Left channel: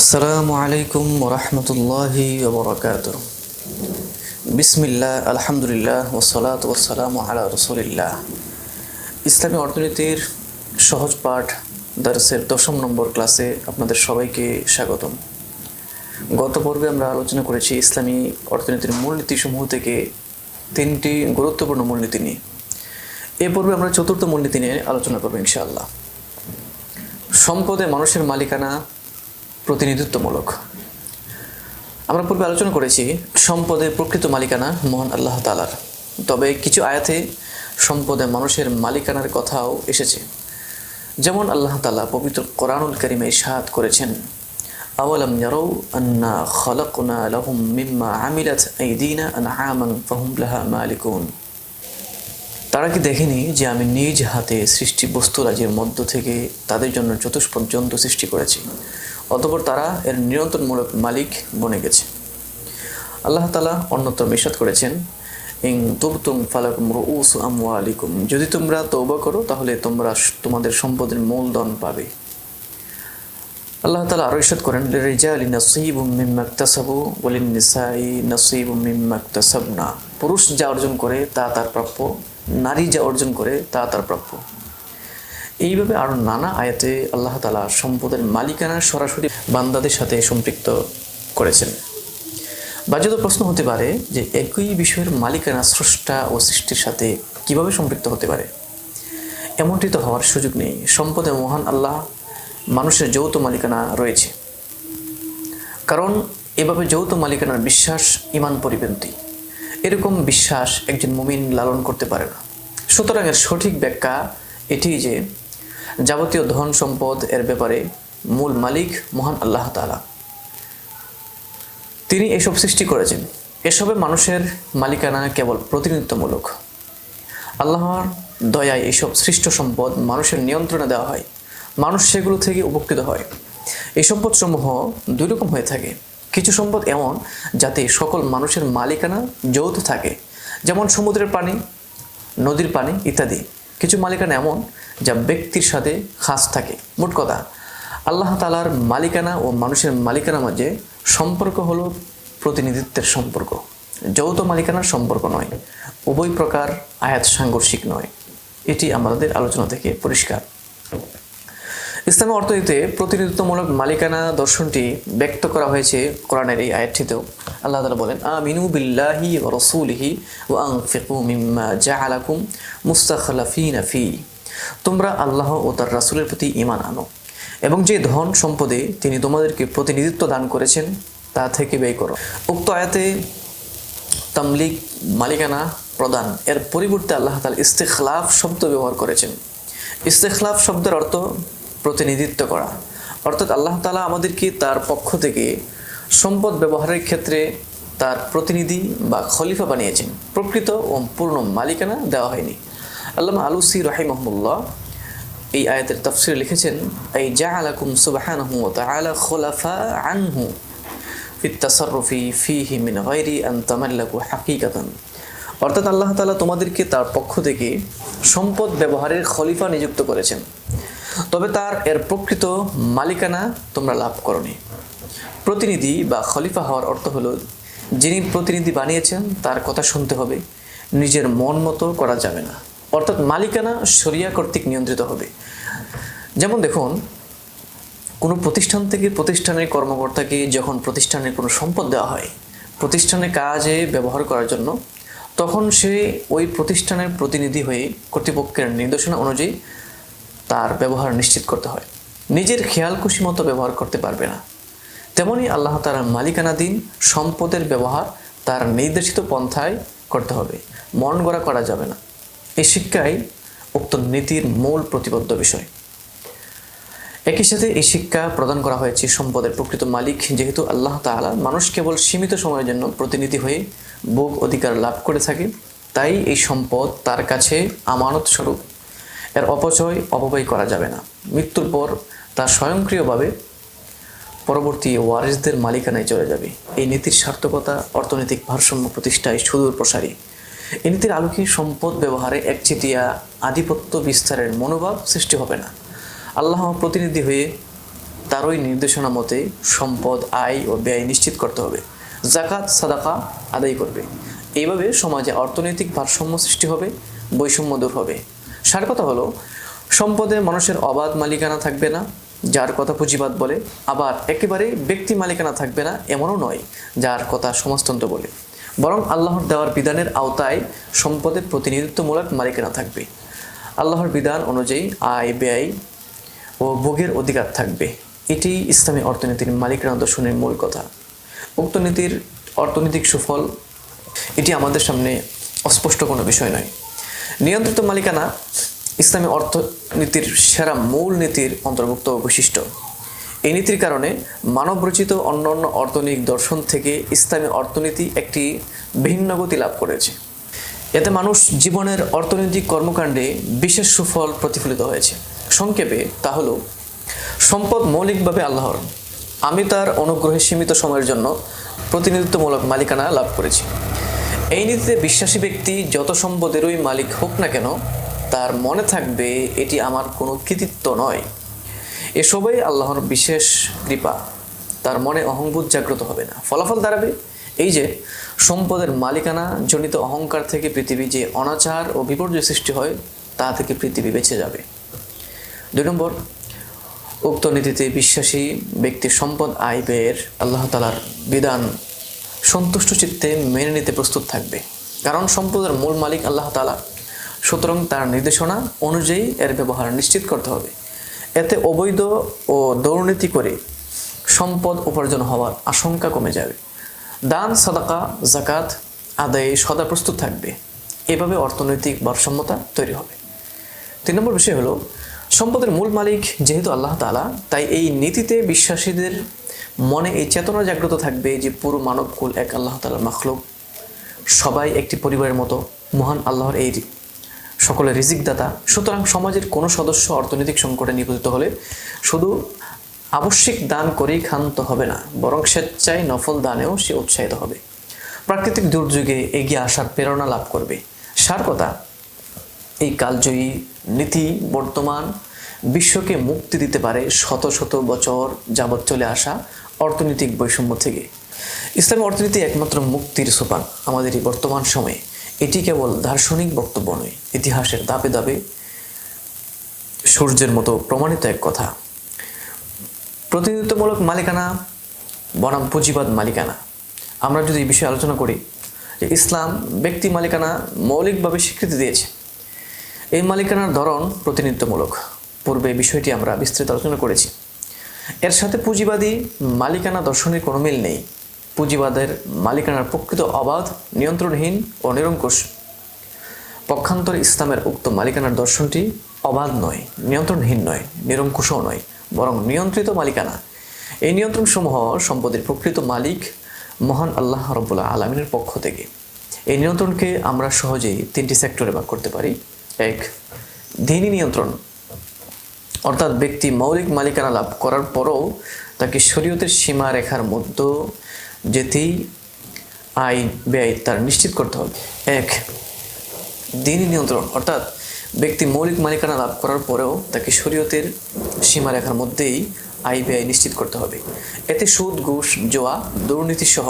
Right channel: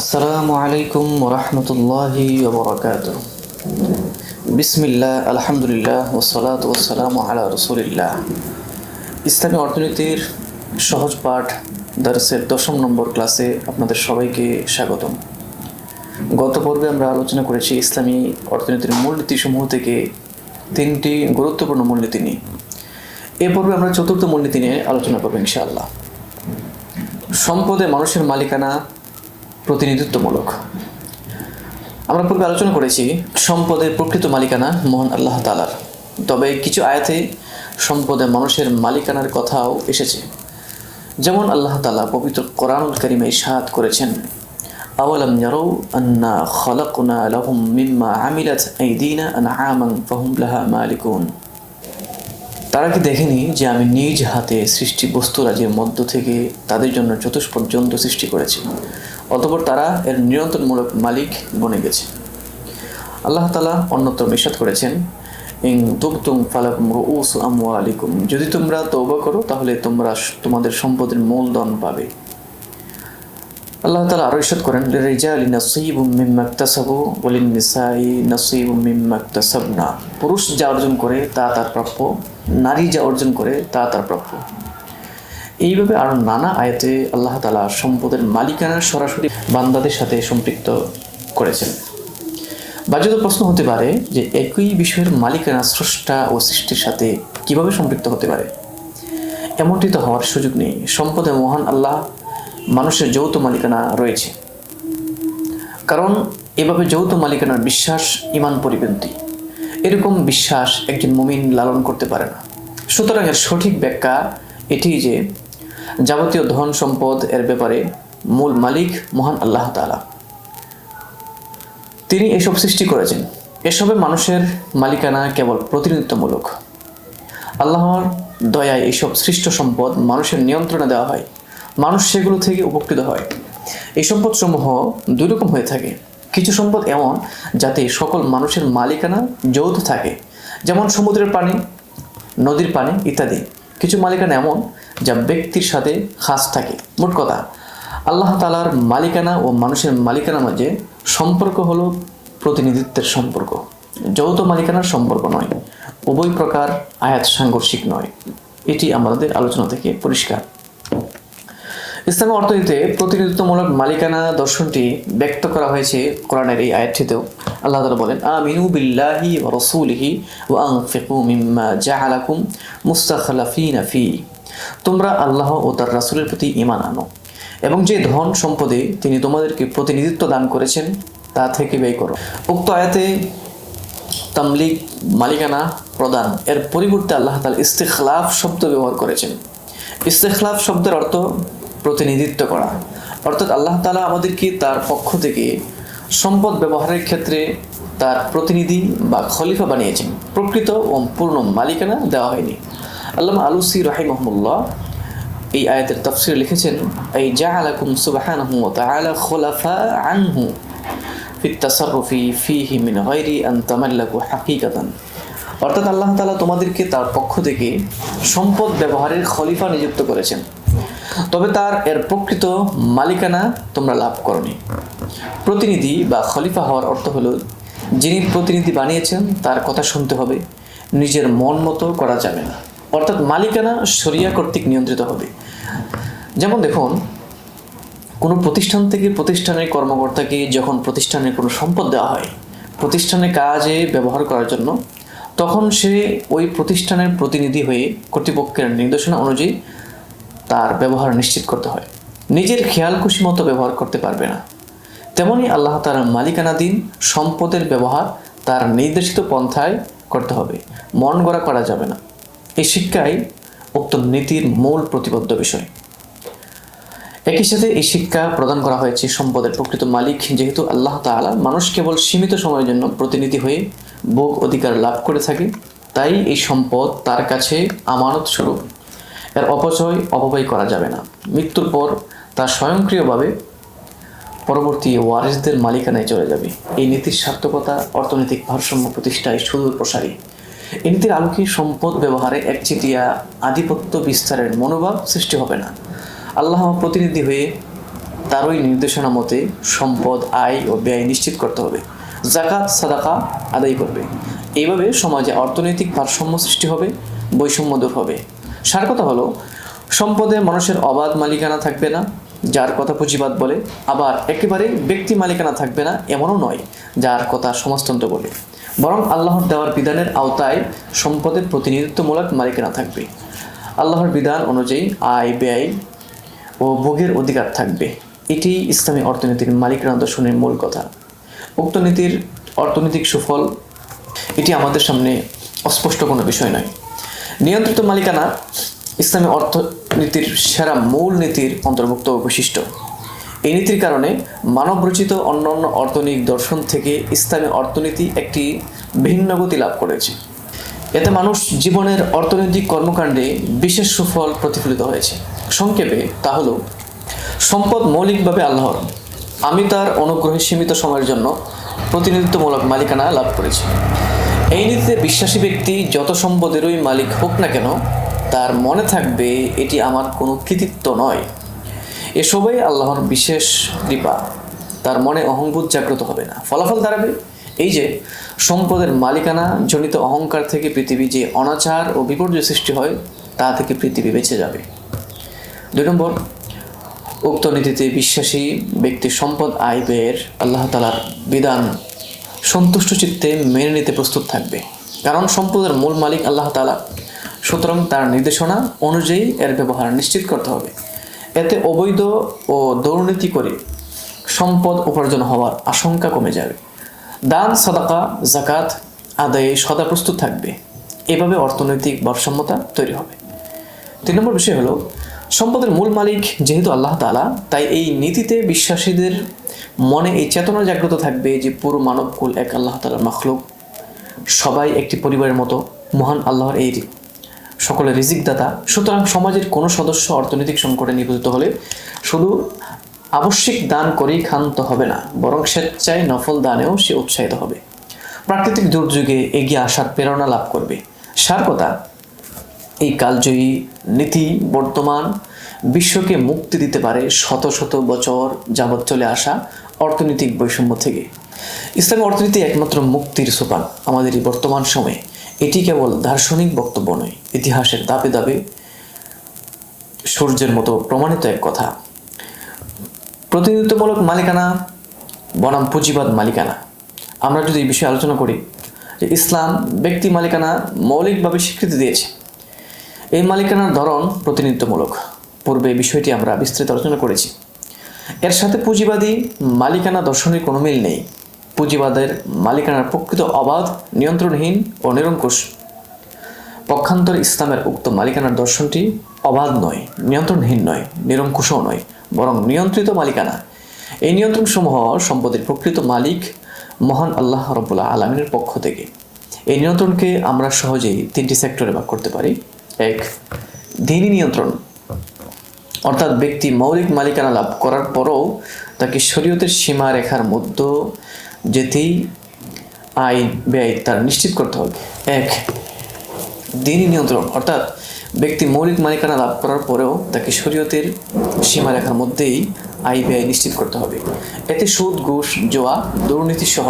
আসসালামু আলাইকুম ওরহমতুল্লাহি ওবরাকাতুহ। বিসমিল্লাহ, আলহামদুলিল্লাহ, ওসসালাতু ওয়াসসালামু আলা রাসূলিল্লাহ। ইসলামী অর্থনীতির সহজ পাঠ দার্সের 10 নম্বর ক্লাসে আপনাদের সবাইকে স্বাগতম। গত পর্বে আমরা আলোচনা করেছি ইসলামী অর্থনীতির মূলনীতিসমূহ থেকে 3টি গুরুত্বপূর্ণ মূলনীতি নিয়ে। এ পর্বে আমরা চতুর্থ মূলনীতি নিয়ে আলোচনা করব ইনশাআল্লাহ। সম্পদে মানুষের মালিকানা প্রতিনিধিত্বমূলক। আমরা পূর্বে আলোচনা করেছি সম্পদের প্রকৃত মালিকানা মহান আল্লাহ তাআলার, তবে কিছু আয়াতে সম্পদে মানুষের মালিকানার কথাও এসেছে। যেমন আল্লাহ তাআলা পবিত্র কোরআনুল কারীমে ইরশাদ করেছেন, আওয়ালাম ইয়ারাউ আন্না খালাকনা লাহুম মিম্মা আমিলাত আইদিনা আনআমান ফাহুম লাহা মালিকুন। তারা কি দেখেনি যে আমি নিজ হাতে সৃষ্টি বস্তুরাজির মধ্য থেকে তাদের জন্য চতুষ্পদ জন্তু সৃষ্টি করেছি, অতঃপর তারা এর নিয়ন্ত্রণমূলক মালিক বনে গেছে। আল্লাহ তাআলা অন্যত্র ইরশাদ করেছেন, ইন তুবতুম ফালাকুম রুউসু আমওয়ালিকুম, যদি তোমরা তওবা করো তাহলে তোমরা তোমাদের সম্পদের মূলধন পাবে। আল্লাহ তাআলা আরো ইরশাদ করেন, লিরিজালি নাসীবুম মিম্মা ইকতাসাবু ওয়া লিন-নিসাই নাসীবুম মিম্মা ইকতাসাবনা, পুরুষ যা অর্জন করে তা তার প্রাপ্য, নারী যা অর্জন করে তা তার প্রাপ্য। এইভাবে আরো নানা আয়াতে আল্লাহ তাআলা সম্পদের মালিকানা সরাসরি বান্দাদের সাথে সম্পৃক্ত করেছেন। বাহ্যত প্রশ্ন হতে পারে যে একই বিষয়ের মালিকানা স্রষ্টা ও সৃষ্টির সাথে কিভাবে সম্পৃক্ত হতে পারে? এমনটি তো হওয়ার সুযোগ নেই। সম্পদে মহান আল্লাহ মানুষের যৌথ মালিকানা রয়েছে, কারণ এভাবে যৌথ মালিকানার বিশ্বাস ঈমান পরিপন্থী। এরকম বিশ্বাস একজন মুমিন লালন করতে পারে না। সুতরাং এর সঠিক ব্যাখ্যা এটি যে যাবতীয় ধন সম্পদ এর ব্যাপারে মূল মালিক মহান আল্লাহ তাআলা। তিনি এসব সৃষ্টি করেছেন। এসবে মানুষের মালিকানা কেবল প্রতিনিধিত্বমূলক। আল্লাহর দয়ায় এইসব সৃষ্ট সম্পদ মানুষের নিয়ন্ত্রণে দেওয়া হয়, মানুষ সেগুলো থেকে উপকৃত হয়। এই সম্পদসমূহ দুই রকম হয়ে থাকে। কিছু সম্পদ এমন যাতে সকল মানুষের মালিকানা যৌথ থাকে, যেমন সমুদ্রের পানি, নদীর পানি ইত্যাদি। কিছু মালিকানা এমন যা ব্যক্তির সাথে খাস থাকে। মোট কথা, আল্লাহ তাআলার মালিকানা ও মানুষের মালিকানার মাঝে সম্পর্ক হলো প্রতিনিধিত্বের সম্পর্ক, যৌথ মালিকানার সম্পর্ক নয়। উভয় প্রকার আয়াত সাংঘর্ষিক নয়, এটি আমাদের আলোচনা থেকে পরিষ্কার। ইসলামী অর্থনীতিতে প্রতিনিধিত্বমূলক মালিকানা দর্শনটি ব্যক্ত করা হয়েছে কোরআনের এই আয়াতটিতেও। আল্লাহ তাআলা বলেন, আমিনু বিল্লাহি ওয়া রাসূলিহি ওয়া আনফিকু মিম্মা জাআলাকুম মুস্তাখলাফিনা ফি, তোমরা আল্লাহ ও তার রাসূলের প্রতি ঈমান আনো এবং যে ধন সম্পদে তিনি তোমাদেরকে প্রতিনিধিত্ব দান করেছেন তা থেকে ব্যয় করো। উক্ত আয়াতে তামলিক মালিকানা প্রদান এর পরিবর্তে আল্লাহ তাআলা ইস্তিখলাফ শব্দ ব্যবহার করেছেন। ইস্তিখলাফ শব্দের অর্থ প্রতিনিধিত্ব করা, অর্থাৎ আল্লাহ তাআলা আমাদেরকে তার পক্ষ থেকে সম্পদ ব্যবহারের ক্ষেত্রে তার প্রতিনিধি বা খলিফা বানিয়েছেন। প্রকৃত ও পূর্ণ মালিকানা দেওয়া হয়নি। আল্লামা আলুসি রাহিমাহুল্লাহ এই আয়াতের তাফসীরে লিখেছেন, এই জাআলাকুম সুবহানাহু ওয়া তাআলা খুলাফা আনহু ফিত তাসাররুফি ফীহি মিন গায়রি আন তামাল্লাকু হাকীকাতান, অর্থাৎ আল্লাহ তাআলা তোমাদেরকে তার পক্ষ থেকে সম্পদ ব্যবহারের খলিফা নিযুক্ত করেছেন, তবে তার এর প্রকৃত মালিকানা তোমরা লাভ করনি। প্রতিনিধি বা খলিফা হওয়ার অর্থ হলো যিনি প্রতিনিধি বানিয়েছেন তার কথা শুনতে হবে, নিজের মন মতো করা যাবে না। অর্থাৎ মালিকানা শরিয়া কর্তৃক নিয়ন্ত্রিত হবে। যেমন দেখুন, কোনো প্রতিষ্ঠান থেকে প্রতিষ্ঠানের কর্মকর্তাকে যখন প্রতিষ্ঠানের কোনো সম্পদ দেওয়া হয় প্রতিষ্ঠানের কাজে ব্যবহার করার জন্য, তখন সে ওই প্রতিষ্ঠানের প্রতিনিধি হয়ে কর্তৃপক্ষের নির্দেশনা অনুযায়ী তার ব্যবহার নিশ্চিত করতে হয়। নিজের খেয়াল খুশি মতো ব্যবহার করতে পারবে না। তেমনি আল্লাহ তাআলার মালিকানাধীন সম্পদের ব্যবহার তার নির্দেশিত পন্থায় করতে হবে, মন গড়া করা যাবে না। এই শিক্ষাই উক্ত নীতির মূল প্রতিবদ্ধ বিষয়। একই সাথে এই শিক্ষা প্রদান করা হয়েছে সম্পদের প্রকৃত মালিক যেহেতু আল্লাহ তাআলা, মানুষ কেবল সীমিত সময়ের জন্য প্রতিনিধি হয়ে ভোগ অধিকার লাভ করে থাকে, তাই এই সম্পদ তার কাছে আমানত স্বরূপ। এর অপব্যয় করা যাবে না। মৃত্যুর পর তা স্বয়ংক্রিয়ভাবে পরবর্তী ওয়ারিসদের মালিকানায় চলে যাবে। এই নীতির সার্থকতা অর্থনৈতিক ভারসাম্য প্রতিষ্ঠায় সুদূর প্রসারী। এই নীতির আলোকে সম্পদ ব্যবহারে একচেটিয়া আধিপত্য বিস্তারের মনোভাব সৃষ্টি হবে না। আল্লাহ প্রতিনিধি হয়ে তারই নির্দেশনা মতে সম্পদ, আয় ও ব্যয় নিশ্চিত করতে হবে। জাকাত, সাদাকা আদায় করবে। এইভাবে সমাজে অর্থনৈতিক ভারসাম্য সৃষ্টি হবে, বৈষম্য দূর হবে। সার কথা হলো, সম্পদে মানুষের অবাধ মালিকানা থাকবে না, যার কথা পুঁজিবাদ বলে। আবার একেবারে ব্যক্তি মালিকানা থাকবে না এমনও নয়, যার কথা সমাজতন্ত্র বলে। বরং আল্লাহর দেওয়ার বিধানের আওতায় সম্পদের প্রতিনিধিত্বমূলক মালিকানা থাকবে। আল্লাহর বিধান অনুযায়ী আয়, ব্যয় ও ভোগের অধিকার থাকবে। এটি ইসলামী অর্থনীতির মালিকানা দর্শনের মূল কথা। উক্ত নীতির অর্থনৈতিক সুফল এটি আমাদের সামনে অস্পষ্ট কোনো বিষয় নয়। নিয়ন্ত্রিত মালিকানা ইসলামী অর্থনীতির সেরা মূল নীতির অন্তর্ভুক্ত বৈশিষ্ট্য। এই নীতির কারণে মানবরচিত অন্যান্য অর্থনৈতিক দর্শন থেকে ইসলামী অর্থনীতি একটি ভিন্ন গতি লাভ করেছে। এতে মানুষ জীবনের অর্থনৈতিক কর্মকাণ্ডে বিশেষ সুফল প্রতিফলিত হয়েছে। সংক্ষেপে তা হলো, সম্পদ মৌলিকভাবে আল্লাহর। আমি তার অনুগ্রহে সীমিত সময়ের জন্য প্রতিনিধিত্বমূলক মালিকানা লাভ করেছি। এই নীতিতে বিশ্বাসী ব্যক্তি যত সম্পদেরই মালিক হোক না কেন, তার মনে থাকবে এটি আমার কোনো কৃতিত্ব নয়, এসবই আল্লাহর বিশেষ কৃপা। তার মনে অহংবোধ জাগ্রত হবে না। ফলাফল দাঁড়াবে এই যে, সম্পদের মালিকানা জনিত অহংকার থেকে পৃথিবী যে অনাচার ও বিপর্যয় সৃষ্টি হয়, তা থেকে পৃথিবী বেঁচে যাবে। 2 নম্বর, উক্ত নীতিতে বিশ্বাসী ব্যক্তি সম্পদ, আয়, ব্যয়ের আল্লাহ তাআলার বিধান সন্তুষ্ট চিত্তে মেনে নিতে প্রস্তুত থাকবে। কারণ সম্পদের মূল মালিক আল্লাহ তাআলা, সুতরাং তার নির্দেশনা অনুযায়ী এর ব্যবহার নিশ্চিত করতে হবে। এতে অবৈধ ও দুর্নীতি করে সম্পদ উপার্জন হওয়ার আশঙ্কা কমে যাবে। দান, সাদাকা, জাকাত আদায়ে সদা প্রস্তুত থাকবে। এভাবে অর্থনৈতিক ভারসাম্যতা তৈরি হবে। 3 নম্বর বিষয় হলো, সম্পদের মূল মালিক যেহেতু আল্লাহ তাআলা, তাই এই নীতিতে বিশ্বাসীদের মনে এই চেতনা জাগ্রত থাকবে যে পুরো মানবকুল এক আল্লাহ তাআলার মাখলুক। সবাই একটি পরিবারের মতো। মহান আল্লাহর এই সকলের রিজিকদাতা। সুতরাং সমাজের কোনো সদস্য অর্থনৈতিক সংকটে নিপতিত হলে শুধু আবশ্যিক দান করেই ক্ষান্ত হবে না, বরং স্বেচ্ছায় নফল দানেও সে উৎসাহিত হবে। প্রাকৃতিক দুর্যোগে এগিয়ে আসার প্রেরণা লাভ করবে। সার কথা, এই কালজয়ী নীতি বর্তমান বিশ্বকে মুক্তি দিতে পারে শত শত বছর যাবৎ চলে আসা অর্থনৈতিক বৈষম্য থেকে। ইসলামী অর্থনীতি একমাত্র মুক্তির সোপান আমাদের এই বর্তমান সময়ে। এটি কেবল দার্শনিক বক্তব্য নয়, ইতিহাসের ধাপে ধাপে সূর্যের মতো প্রমাণিত এক কথা। প্রতিনিধিত্বমূলক মালিকানা বনাম পুঁজিবাদ মালিকানা। আমরা যদি এই বিষয়ে আলোচনা করি, যে ইসলাম ব্যক্তি মালিকানা মৌলিকভাবে স্বীকৃতি দিয়েছে। এই মালিকানার ধরন প্রতিনিধিত্বমূলক। পূর্বে বিষয়টি আমরা বিস্তৃত আলোচনা করেছি। এর সাথে পুঁজিবাদী মালিকানা দর্শনের কোনো মিল নেই। পুঁজিবাদের মালিকানার প্রকৃত অবাধ, নিয়ন্ত্রণহীন ও নিরঙ্কুশ। পক্ষান্তরে ইসলামের উক্ত মালিকানার দর্শনটি অবাধ নয়, নিয়ন্ত্রণহীন নয়, নিরঙ্কুশও নয়, বরং নিয়ন্ত্রিত মালিকানা। এই নিয়ন্ত্রণসমূহ সম্পদের প্রকৃত মালিক মহান আল্লাহ রাব্বুল আলামিনের পক্ষ থেকে। এই নিয়ন্ত্রণকে আমরা সহজেই 3টি সেক্টরে ভাগ করতে পারি। 1, দ্বীনি নিয়ন্ত্রণ, অর্থাৎ ব্যক্তি মৌলিক মালিকানা লাভ করার পরও তাকে শরীয়তের সীমা রেখার মধ্যে যেতেই আয়, ব্যয় তার নিশ্চিত করতে হবে। 1, দ্বীনি নিয়ন্ত্রণ, অর্থাৎ ব্যক্তি মৌলিক মালিকানা লাভ করার পরেও তাকে শরীয়তের সীমারেখার মধ্যেই আয়, ব্যয় নিশ্চিত করতে হবে। এতে সুদ, ঘুষ, জুয়া, দুর্নীতি সহ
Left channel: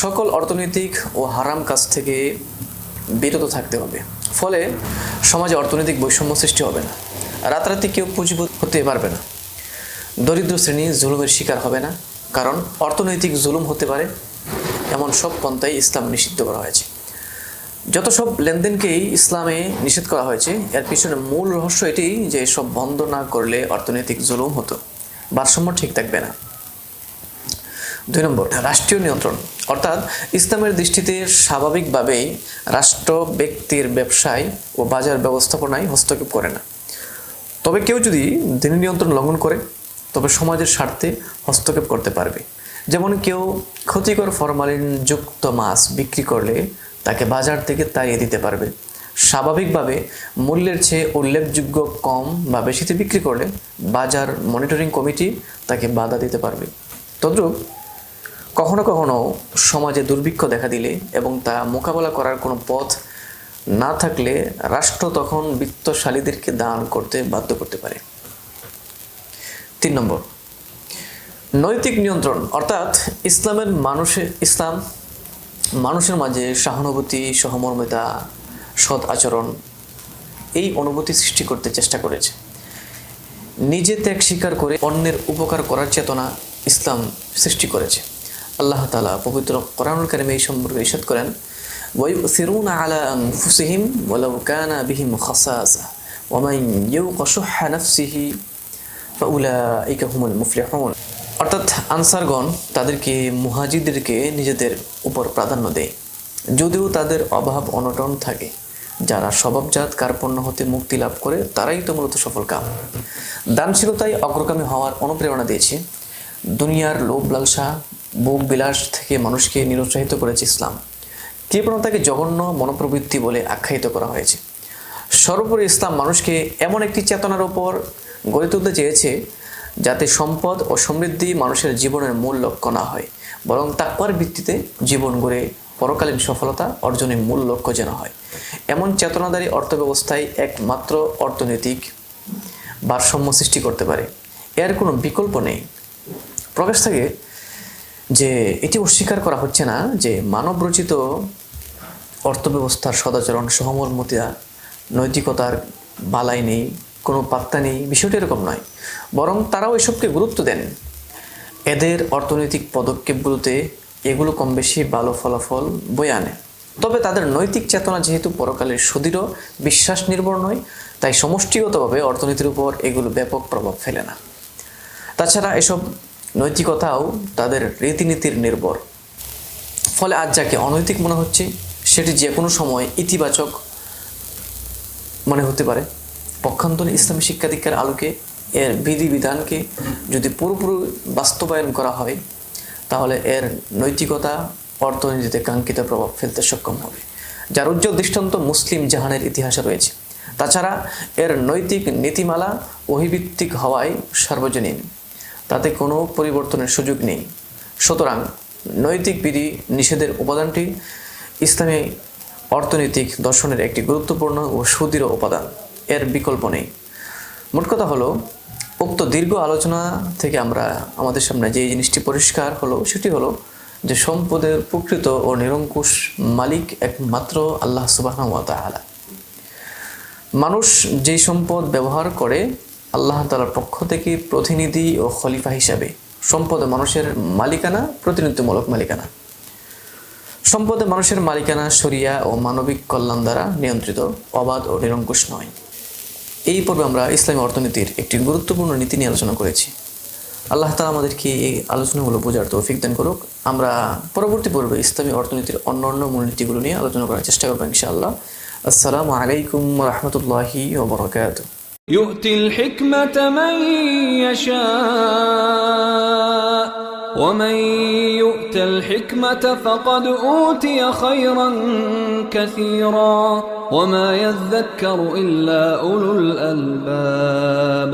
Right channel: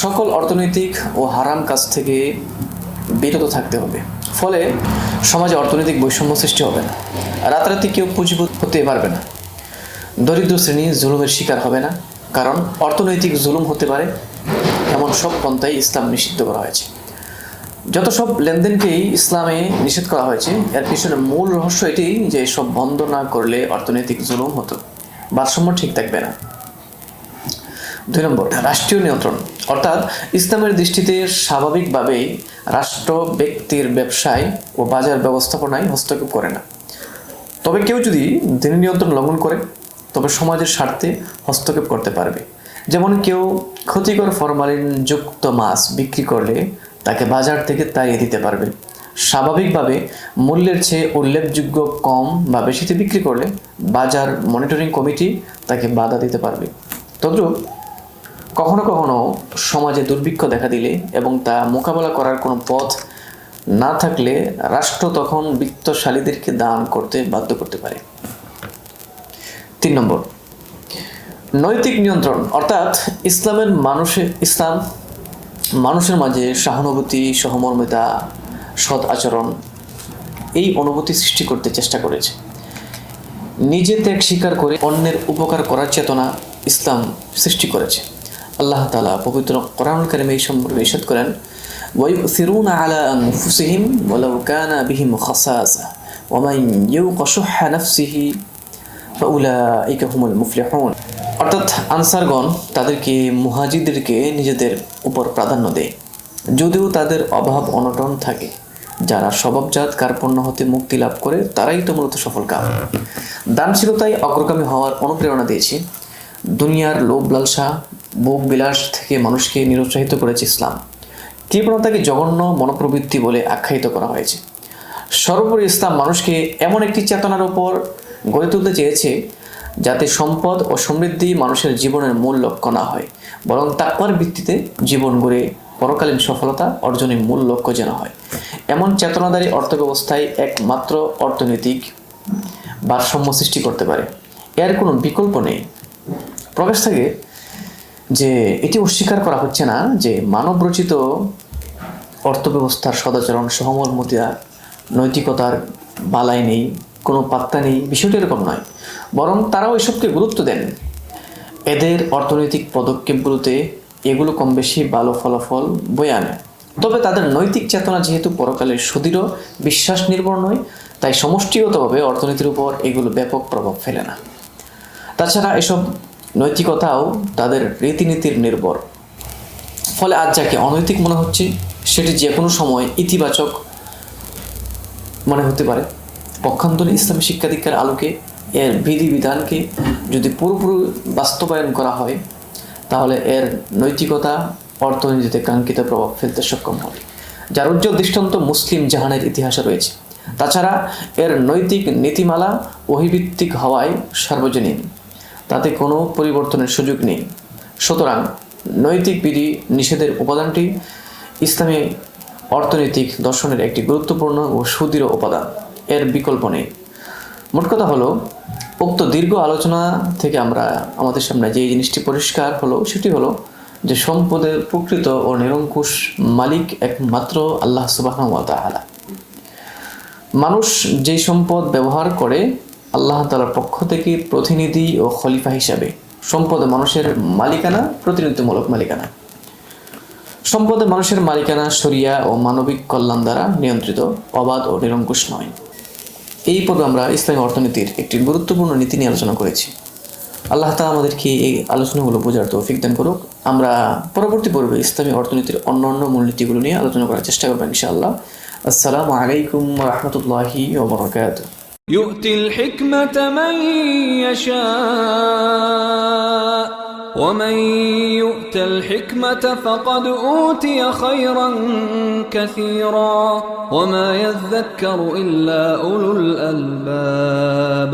সকল অর্থনৈতিক ও হারাম কাজ থেকে বিরত থাকতে হবে। ফলে সমাজে অর্থনৈতিক বৈষম্য সৃষ্টি হবে না। রাতারাতি কেউ পুঁজিপতি হতে পারবে না। দরিদ্র শ্রেণী জুলুমের শিকার হবে না, কারণ অর্থনৈতিক জুলুম হতে পারে এমন সব পন্থাই ইসলাম নিষিদ্ধ করা হয়েছে। যত সব লেনদেনকেই ইসলামে নিষেধ করা হয়েছে, এর পিছনে মূল রহস্য এটি যে এসব বন্ধ না করলে অর্থনৈতিক জুলুম হতো, ভারসাম্য ঠিক থাকবে না। 2 নম্বর, রাষ্ট্রীয় নিয়ন্ত্রণ, অর্থাৎ ইসলামের দৃষ্টিতে স্বাভাবিকভাবেই রাষ্ট্র ব্যক্তির ব্যবসায় ও বাজার ব্যবস্থাপনায় হস্তক্ষেপ করে না। তবে কেউ যদি দ্বীনি নিয়ন্ত্রণ লঙ্ঘন করে, তবে সমাজের স্বার্থে হস্তক্ষেপ করতে পারবে। যেমন কেউ ক্ষতিকর ফরমালিনযুক্ত মাছ বিক্রি করলে তাকে বাজার থেকে তাড়িয়ে দিতে পারবে। স্বাভাবিকভাবে মূল্যের চেয়ে উল্লেখযোগ্য কম বা বেশিতে বিক্রি করলে বাজার মনিটরিং কমিটি তাকে বাধা দিতে পারবে। তদ্রূপ কখনো কখনো সমাজে দুর্ভিক্ষ দেখা দিলে এবং তা মোকাবেলা করার কোনো পথ না থাকলে রাষ্ট্র তখন বিত্তশালীদেরকে দান করতে বাধ্য করতে পারে। 3 নম্বর, নৈতিক নিয়ন্ত্রণ অর্থাৎ ইসলাম মানুষের মাঝে সহানুভূতি, সহমর্মিতা, সৎ আচরণ এই অনুভূতি সৃষ্টি করতে চেষ্টা করেছে। নিজে ত্যাগ স্বীকার করে অন্যের উপকার করার চেতনা ইসলাম সৃষ্টি করেছে। আল্লাহ তাআলা পবিত্র কোরআন কারীমে এই সম্পর্কে ইরশাদ করেন, ওয়ায়ুসিরুনা আলা আনফুসিহিম ওয়ালাউ কানা বিহিম খাসাসা ওয়া মান ইউকা শুহ্হা নাফসিহি ফাউলাইকা হুমুল মুফলিহুন। অর্থাৎ আনসারগণ তাদেরকে মুহাজিরদেরকে নিজেদের উপর প্রাধান্য দেয়, যদিও তাদের অভাব অনটন থাকে। যারা স্বভাবজাত কার্পণ্য হতে মুক্তি লাভ করে তারাই তো মূলত সফল কাম। দানশীলতায় অগ্রগামী হওয়ার অনুপ্রেরণা দিয়েছে। দুনিয়ার লোভ লালসা, ভোগ বিলাস থেকে মানুষকে নিরুৎসাহিত করেছে ইসলাম। কৃপণতাকে জঘন্য মনোপ্রবৃত্তি বলে আখ্যায়িত করা হয়েছে। সর্বোপরি ইসলাম মানুষকে এমন একটি চেতনার উপর গড়ে তুলতে চেয়েছে যাতে সম্পদ ও সমৃদ্ধি মানুষের জীবনের মূল লক্ষ্য না হয়, বরং তাকওয়ার ভিত্তিতে জীবন গড়ে পরকালীন সফলতা অর্জনের মূল লক্ষ্য যেন হয়। এমন চেতনাধারী অর্থব্যবস্থায় একমাত্র অর্থনৈতিক ভারসাম্য সৃষ্টি করতে পারে, এর কোনো বিকল্প নেই। প্রবেশ থেকে যে এটি অস্বীকার করা হচ্ছে না যে মানব রচিত অর্থব্যবস্থার সদাচরণ, সহমর্মিতা, নৈতিকতার বালাই নেই, কোনো পাত্তা নেই, বিষয়টি এরকম নয়, বরং তারাও এসবকে গুরুত্ব দেন। এদের অর্থনৈতিক পদক্ষেপগুলোতে এগুলো কম বেশি ভালো ফলাফল বয়ে আনে। তবে তাদের নৈতিক চেতনা যেহেতু পরকালের সুদৃঢ় বিশ্বাস নির্ভর নয়, তাই সমষ্টিগতভাবে অর্থনীতির উপর এগুলো ব্যাপক প্রভাব ফেলে না। তাছাড়া এসব নৈতিকতাও তাদের রীতিনীতির নির্ভর। ফলে আজ যাকে অনৈতিক মনে হচ্ছে সেটি যে কোনো সময় ইতিবাচক মনে হতে পারে। পক্ষান্তরে ইসলামী শিক্ষা দীক্ষার আলোকে এর বিধিবিধানকে যদি পুরোপুরি বাস্তবায়ন করা হয় তাহলে এর নৈতিকতা অর্থনীতিতে কাঙ্ক্ষিত প্রভাব ফেলতে সক্ষম হবে, যার উজ্জ্বল দৃষ্টান্ত মুসলিম জাহানের ইতিহাসে রয়েছে। তাছাড়া এর নৈতিক নীতিমালা ওহীভিত্তিক হওয়ায় সার্বজনীন, তাতে কোনো পরিবর্তনের সুযোগ নেই। সুতরাং নৈতিক বিধি নিষেধের উপাদানটি ইসলামী অর্থনৈতিক দর্শনের একটি গুরুত্বপূর্ণ ও সুদৃঢ় উপাদান, এর বিকল্প নেই। মোট কথা হলো, উক্ত দীর্ঘ আলোচনা থেকে আমরা আমাদের সামনে যে জিনিসটি পরিষ্কার হলো সেটি হলো যে সম্পদের প্রকৃত ও নিরঙ্কুশ মালিক একমাত্র আল্লাহ সুবহানাহু ওয়া তাআলা। মানুষ যেই সম্পদ ব্যবহার করে আল্লাহ তাআলার পক্ষ থেকে প্রতিনিধি ও খলিফা হিসাবে। সম্পদে মানুষের মালিকানা প্রতিনিধিত্বমূলক মালিকানা। সম্পদে মানুষের মালিকানা শরিয়া ও মানবিক কল্যাণ দ্বারা নিয়ন্ত্রিত, অবাধ ও নিরঙ্কুশ নয়। এই পর্বে আমরা ইসলামী অর্থনীতির একটি গুরুত্বপূর্ণ নীতি নিয়ে আলোচনা করেছি। আল্লাহ তাআলা আমাদেরকে এই আলোচনাগুলো বোঝার তৌফিক দান করুক। আমরা পরবর্তী পর্বে ইসলামী অর্থনীতির অন্যান্য মূলনীতিগুলো নিয়ে আলোচনা করার চেষ্টা করব ইনশাআল্লাহ। আসসালামু আলাইকুম ওয়া রাহমাতুল্লাহি ওয়া বারাকাতুহু। يؤتي الحكمة من يشاء ومن يؤت الحكمة فقد أوتي خيرا كثيرا وما يذكر إلا أولو الألباب